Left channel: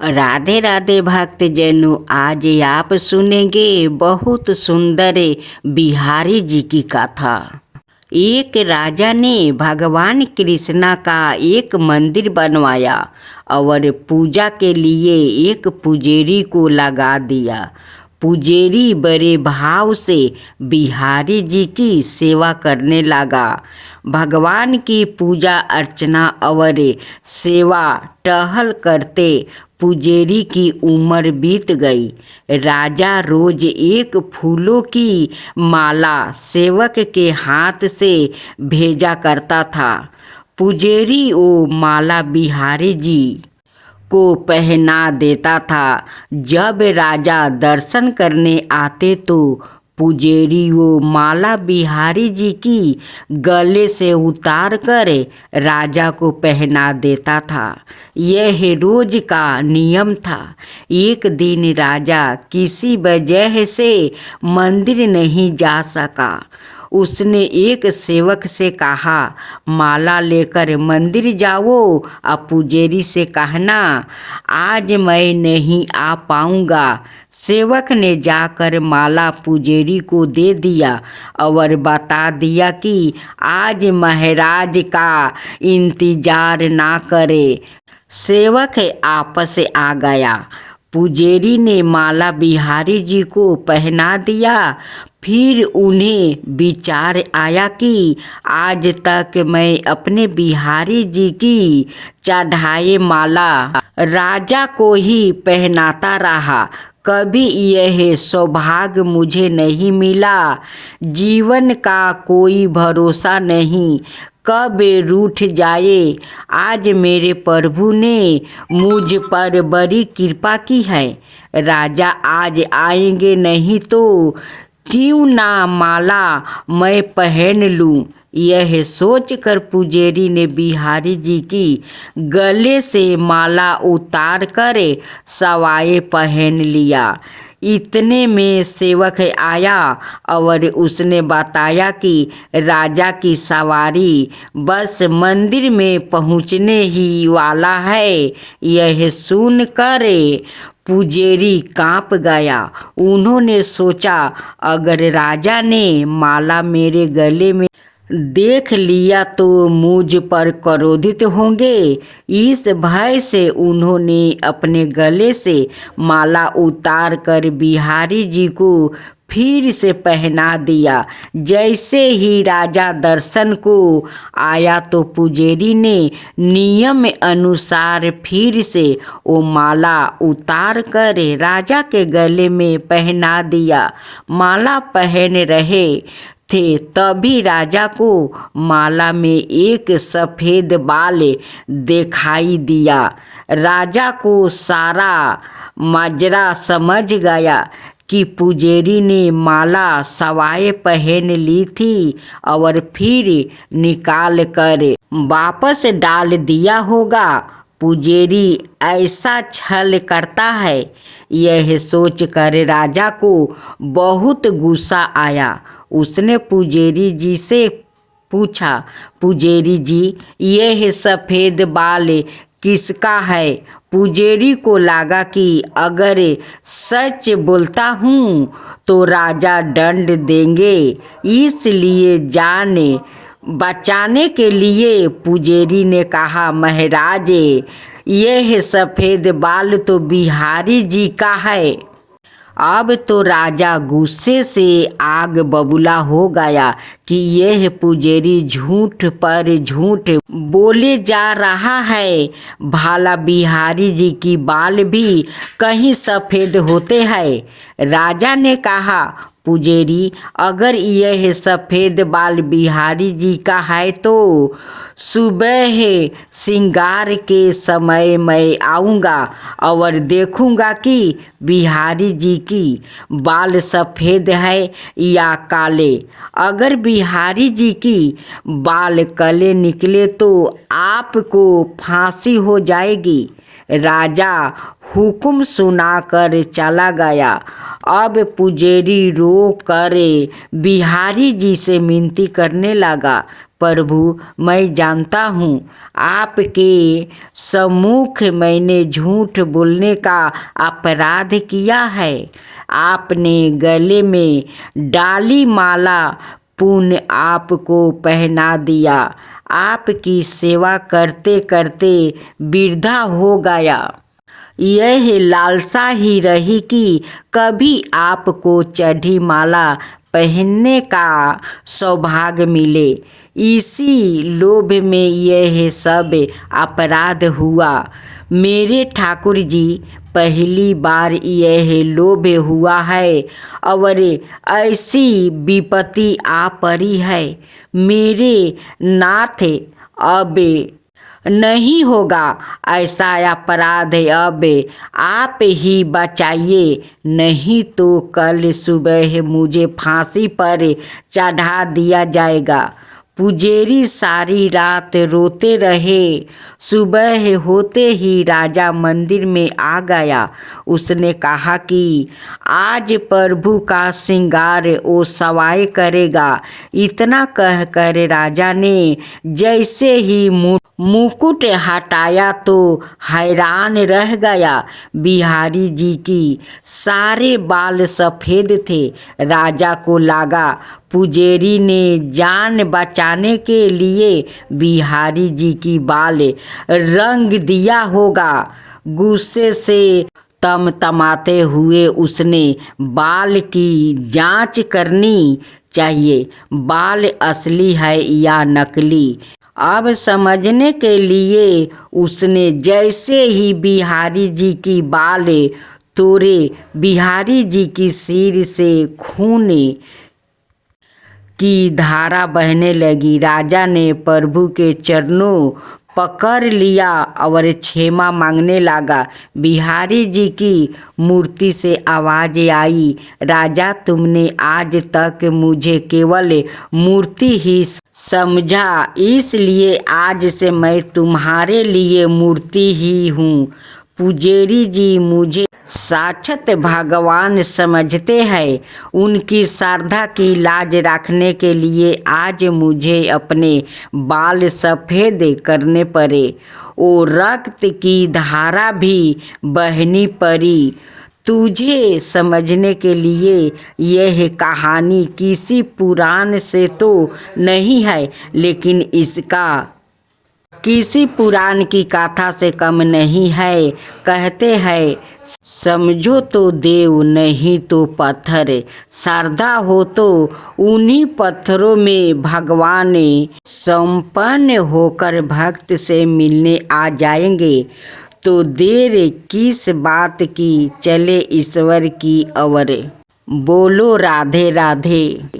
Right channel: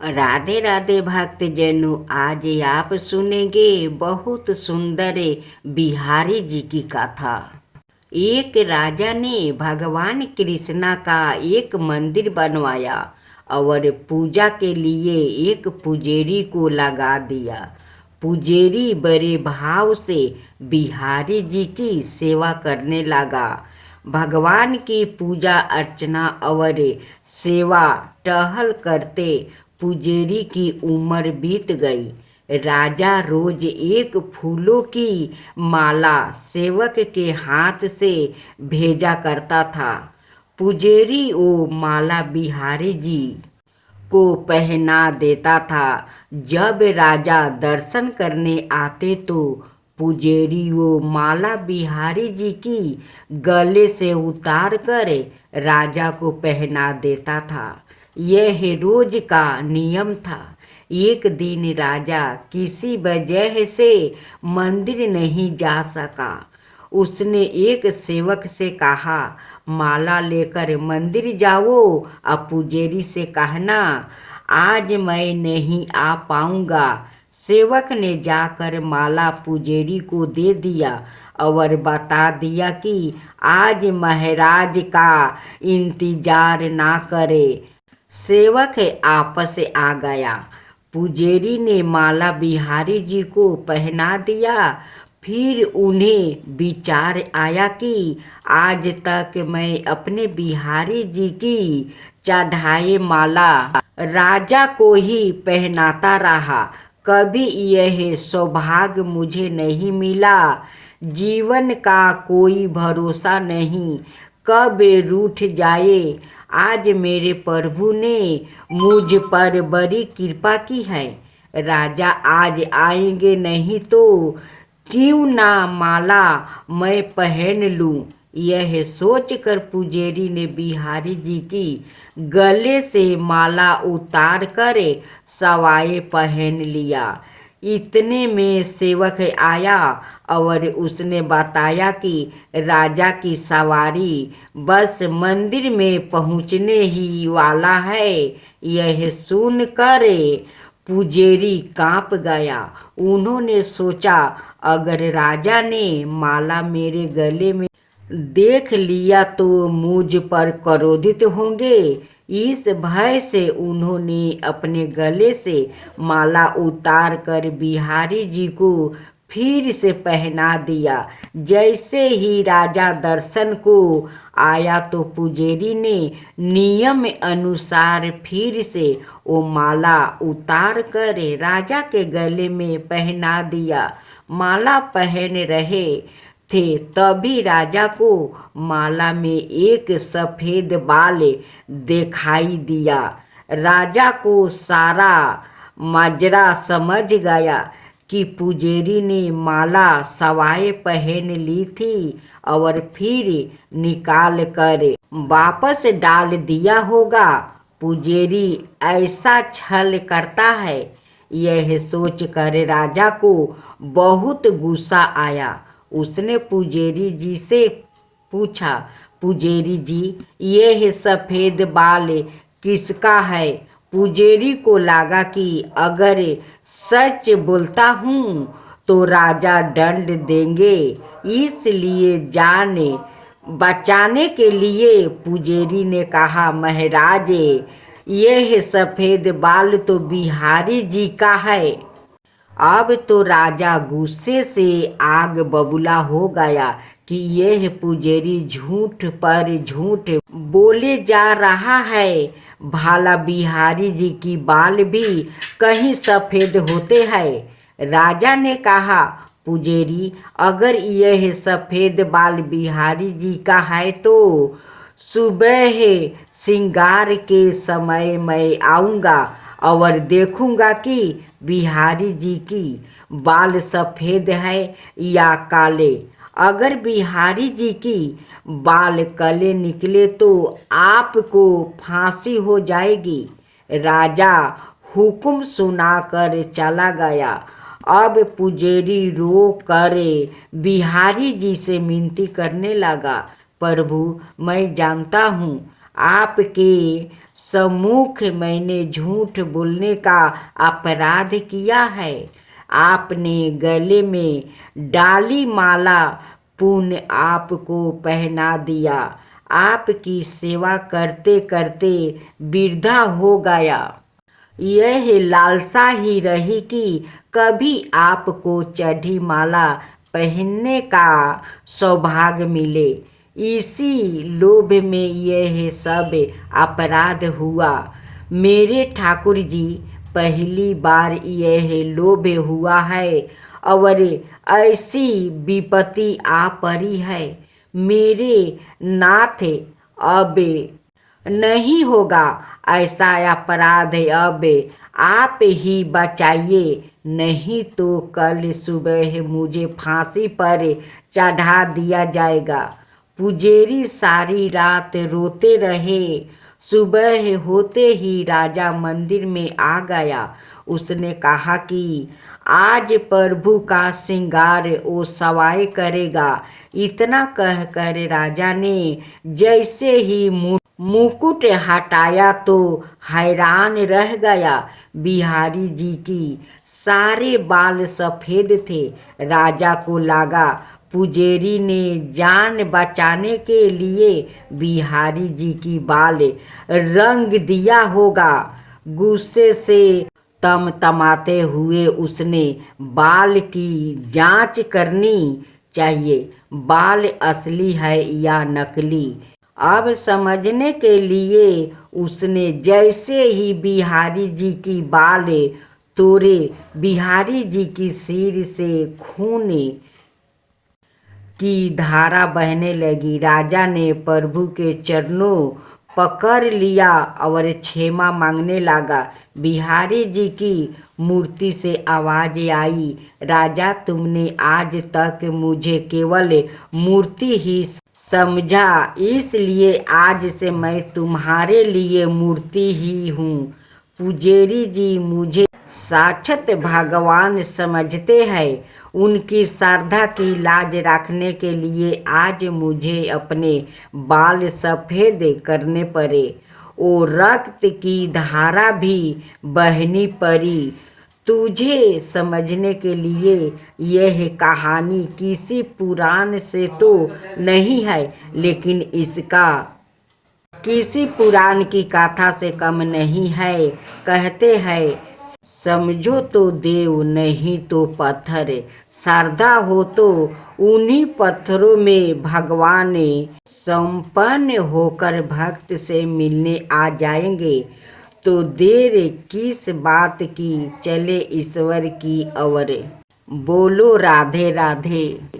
राधे राधे भक्तजनों, आज आप सुनेंगे बहुत सुंदर बिहारी जी की कथा। एक राजा ने भगवान कृष्णा का एक मंदिर बनवाया और पूजा के लिए एक पुजेरी को लगा दिया। पुजेरी बड़े भाव से बिहारी जी की सेवा करने लगा। भगवान की पूजा अर्चना और सेवा टहल करते पुजेरी की उम्र बीत गई। राजा रोज एक फूलों की माला सेवक के हाथ से भेजा करता था। पुजेरी वो माला बिहारी जी को पहना देता था। जब राजा दर्शन करने आते तो पुजेरी वो माला बिहारी जी की गले से उतार कर राजा को पहना देता था। यह रोज का नियम था। एक दिन राजा किसी वजह से मंदिर नहीं जा सका। उसने एक सेवक से कहा, माला लेकर मंदिर जाओ और पुजेरी से कहना आज मैं नहीं आ पाऊंगा। सेवक ने जाकर माला पुजेरी को दे दिया और बता दिया कि आज महाराज का इंतजार ना करे। सेवक आपस आ गया। पुजेरी ने माला बिहारी जी को पहना दिया। फिर उन्हें विचार आया कि आज तक मैं अपने बिहारी जी की चढ़ाए माला राजा को ही पहनाता रहा। कभी यह सौभाग्य मुझे नहीं मिला। जीवन का कोई भरोसा नहीं, कब रूठ जाए। आज मेरे प्रभु ने मुझ पर बड़ी कृपा की है। राजा आज आएंगे नहीं तो क्यों ना माला मैं पहन लूं। यह सोचकर पुजेरी ने बिहारी जी की गले से माला उतार कर सवाए पहन लिया। इतने में सेवक आया और उसने बताया कि राजा की सवारी बस मंदिर में पहुंचने ही वाला है। यह सुनकर पुजेरी कांप गया। उन्होंने सोचा अगर राजा ने माला मेरे गले में देख लिया तो मुझ पर क्रोधित होंगे। इस भय से उन्होंने अपने गले से माला उतार कर बिहारी जी को फिर से पहना दिया। जैसे ही राजा दर्शन को आया तो पुजेरी ने नियम अनुसार फिर से वो माला उतार कर राजा के गले में पहना दिया। माला पहन रहे थे तभी राजा को माला में एक सफ़ेद बाल दिखाई दिया। राजा को सारा माजरा समझ गया कि पुजेरी ने माला सवाए पहन ली थी और फिर निकाल कर वापस डाल दिया होगा। पुजेरी ऐसा छल करता है। यह सोचकर राजा को बहुत गुस्सा आया। उसने पुजेरी जी से पूछा, पुजेरी जी यह सफ़ेद बाल किसका है। पुजेरी को लगा कि अगर सच बोलता हूँ तो राजा दंड देंगे, इसलिए जान बचाने के लिए पुजेरी ने कहा, महाराज यह सफ़ेद बाल तो बिहारी जी का है। अब तो राजा गुस्से से आग बबूला हो गया कि यह पुजेरी झूठ पर झूठ बोले जा रहा है। भाला बिहारी जी की बाल भी कहीं सफ़ेद होते हैं। राजा ने कहा, पुजेरी अगर यह सफ़ेद बाल बिहारी जी का है तो सुबह श्रृंगार के समय मैं आऊँगा और देखूँगा कि बिहारी जी की बाल सफ़ेद है या काले। अगर बिहारी जी की बाल काले निकले तो आपको फांसी हो जाएगी। राजा हुक्म सुनाकर चला गया। अब पुजेरी रो कर बिहारी जी से विनती करने लगा, प्रभु, मैं जानता हूँ आपके सम्मुख मैंने झूठ बोलने का अपराध किया है। आपने गले में डाली माला पुण्य आपको पहना दिया। आपकी सेवा करते करते वृद्धा हो गया। यह लालसा ही रही कि कभी आपको चढ़ी माला पहनने का सौभाग्य मिले। इसी लोभ में यह सब अपराध हुआ। मेरे ठाकुर जी, पहली बार यह लोभ हुआ है और ऐसी विपत्ति आ पड़ी है। मेरे नाथ, अब नहीं होगा ऐसा अपराध। अब आप ही बचाइए, नहीं तो कल सुबह मुझे फांसी पर चढ़ा दिया जाएगा। पुजेरी सारी रात रोते रहे। सुबह होते ही राजा मंदिर में आ गया। उसने कहा कि आज प्रभु का श्रृंगार ओ सवाई करेगा। इतना कहकर राजा ने जैसे ही मुकुट हटाया तो हैरान रह गया। बिहारी जी की सारे बाल सफ़ेद थे। राजा को लगा पुजेरी ने जान बचाने के लिए बिहारी जी की बाल रंग दिया होगा। गुस्से से तमतमाते हुए उसने बाल की जांच करनी चाहिए, बाल असली है या नकली। अब समझने के लिए उसने जैसे ही बिहारी जी की बाल तोड़े, बिहारी जी की सिर से खून की धारा बहने लगी। राजा ने प्रभु के चरणों पकड़ लिया और क्षमा मांगने लगा। बिहारी जी की मूर्ति से आवाज आई, राजा, तुमने आज तक मुझे केवल मूर्ति ही समझा, इसलिए आज से मैं तुम्हारे लिए मूर्ति ही हूँ। पुजेरी जी मुझे साक्षात भगवान समझते हैं। उनकी श्रद्धा की लाज रखने के लिए आज मुझे अपने बाल सफ़ेद करने पड़े। वो रक्त की धारा भी बहनी पड़ी। तुझे समझने के लिए यह कहानी किसी पुराण से तो नहीं है, लेकिन इसका किसी पुराण की कथा से कम नहीं है। कहते हैं, समझो तो देव, नहीं तो पत्थर। श्रद्धा हो तो उन्हीं पत्थरों में भगवान संपन्न होकर भक्त से मिलने आ जाएंगे। तो देर किस बात की, चले ईश्वर की ओर। बोलो राधे राधे।